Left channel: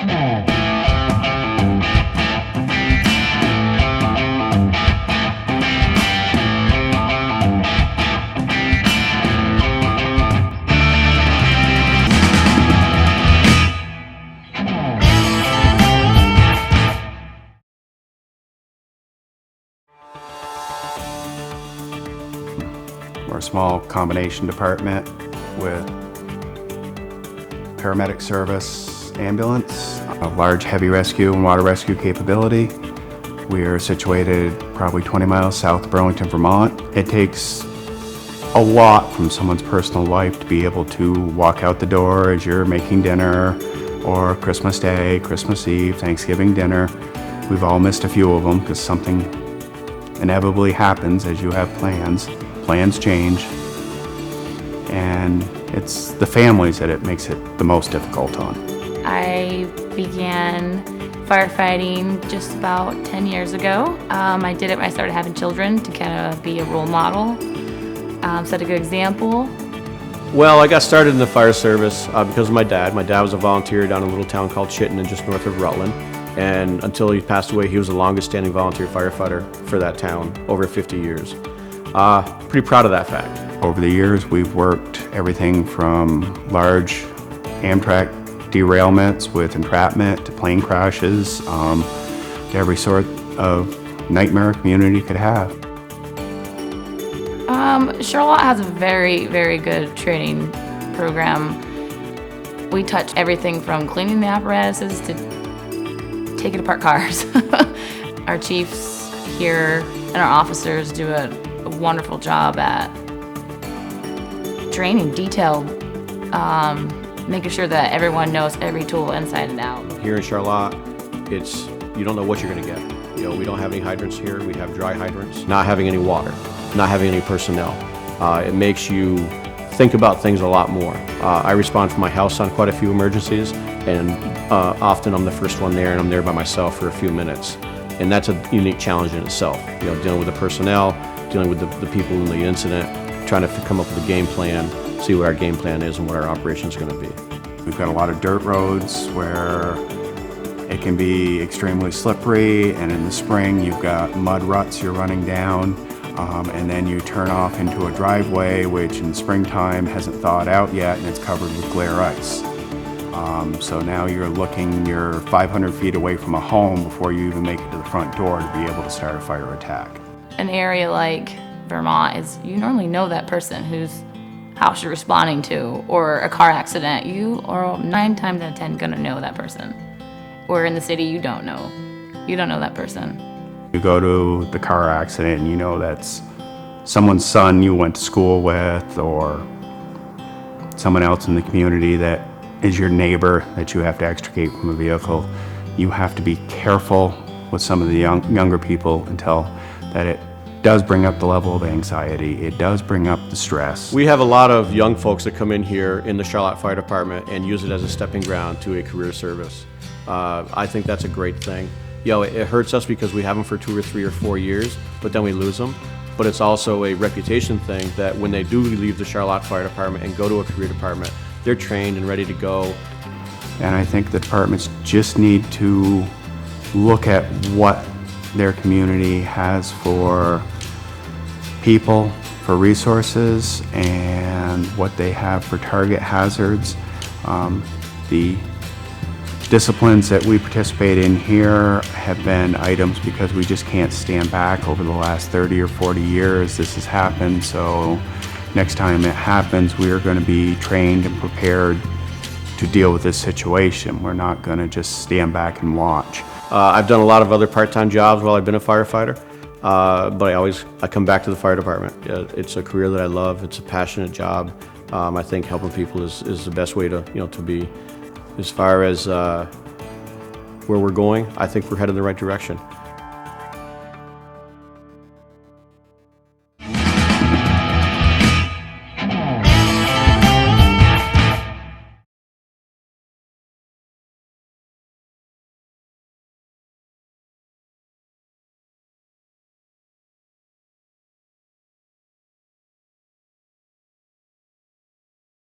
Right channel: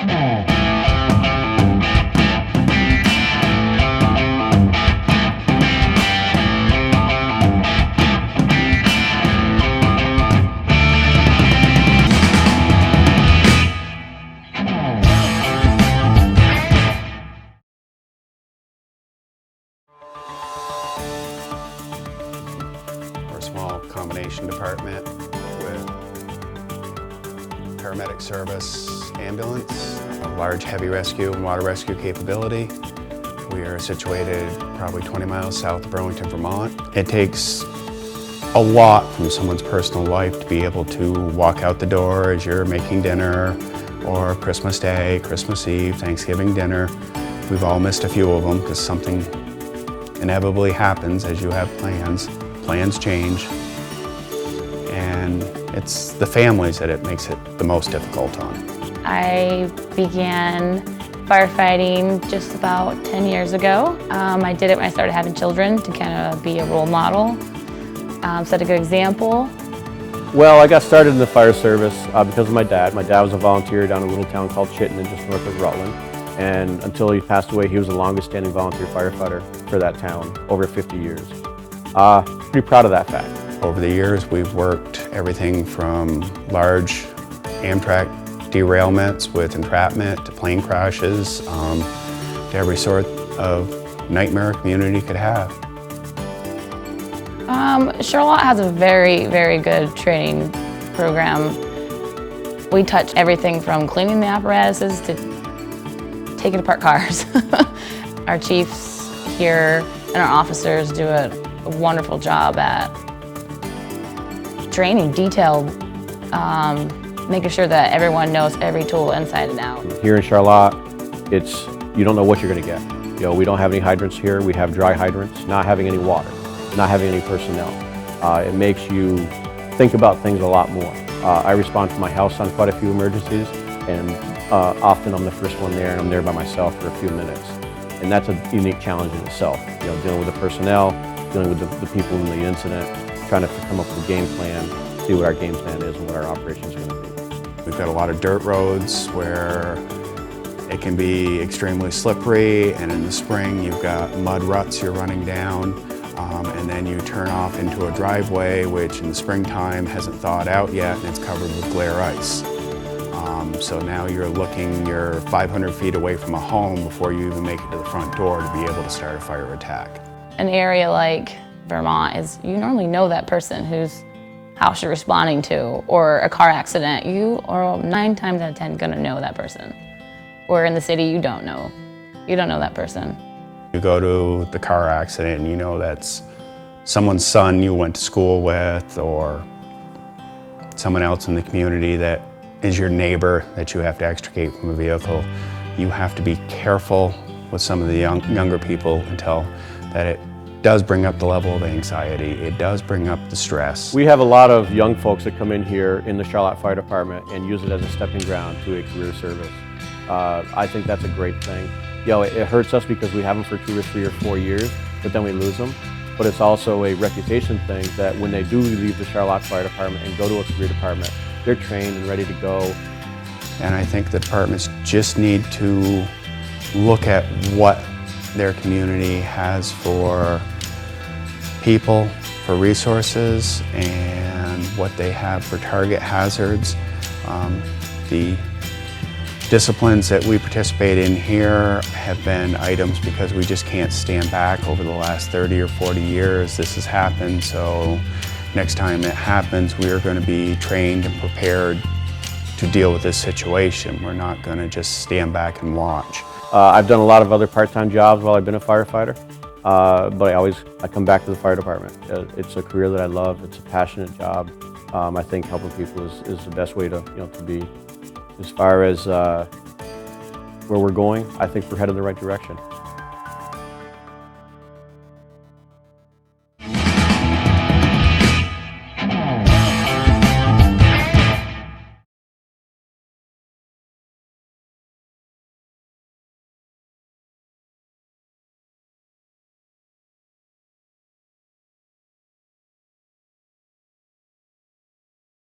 We're a small combination department with paramedic service, ambulance, a large heavy rescue and water rescue capability. We are situated probably 20 miles south of Burlington, Vermont. It takes a lot from someone's personal life to be able to walk out the door as you're making dinner, or Christmas Day, Christmas Eve, Thanksgiving dinner. We've all missed a few of them because something inevitably happens as you have plans. Plans change, and it's the families that it makes it the most difficult on. I began firefighting just about 10 years ago. I did it when I started having children to kind of be a role model, set a good example. Well, I got started in the fire service because of my dad. My dad was a volunteer down in a little town called Chittenden, just north of Rutland. And until he passed away, he was the longest standing volunteer firefighter for that town, over 50 years. Pretty proud of that fact. Over the years, we've worked everything from large Amtrak derailments with entrapment to plane crashes, to every sort of nightmare a community could have. Charlotte has a very, very good training program. We touch everything from cleaning the apparatuses to taking apart cars. Our chiefs here and our officers do a wonderful job at training, detailed, making sure that everyone knows every tool inside and out. Here in Charlotte, you don't know what you're going to get. You know, we don't have any hydrants here. We have dry hydrants. Not having any water, not having any personnel. It makes you think about things a lot more. I respond from my house on quite a few emergencies, and often I'm the first one there, and I'm there by myself for a few minutes. And that's a unique challenge in itself. You know, dealing with the personnel, dealing with the people in the incident, trying to come up with a game plan, see what our game plan is and what our operation is going to be. We've got a lot of dirt roads where it can be extremely slippery, and in the spring you've got mud ruts you're running down, and then you turn off into a driveway which in the springtime hasn't thawed out yet and it's covered with glare ice. So now you're 500 feet away from a home before you even make it to the front door to be able to start a fire attack. An area like Vermont is, you normally know that person whose house you're responding to, or a car accident. You are 9 times out of 10 gonna know that person. Or in the city, you don't know that person. You go to the car accident and you know that's someone's son you went to school with, or someone else in the community that is your neighbor that you have to extricate from a vehicle. You have to be careful with some of the younger people until that it does bring up the level of anxiety. It does bring up the stress. We have a lot of young folks that come in here in the Charlotte Fire Department and use it as a stepping ground to a career service. I think that's a great thing. You know, it hurts us because we have them for 2 or 3 or 4 years, but then we lose them. But it's also a reputation thing that when they do leave the Charlotte Fire Department and go to a career department, they're trained and ready to go. And I think the departments just need to look at what their community has for people, for resources, and what they have for target hazards. The disciplines that we participate in here have been items because we just can't stand back. Over the last 30 or 40 years this has happened, so next time it happens we are going to be trained and prepared to deal with this situation. We're not going to just stand back and watch. I've done a lot of other part-time jobs while I've been a firefighter, but I come back to the fire department. It's a career that I love. It's a passionate job. I think helping people is the best way to be. As far as where we're going, I think we're headed in the right direction.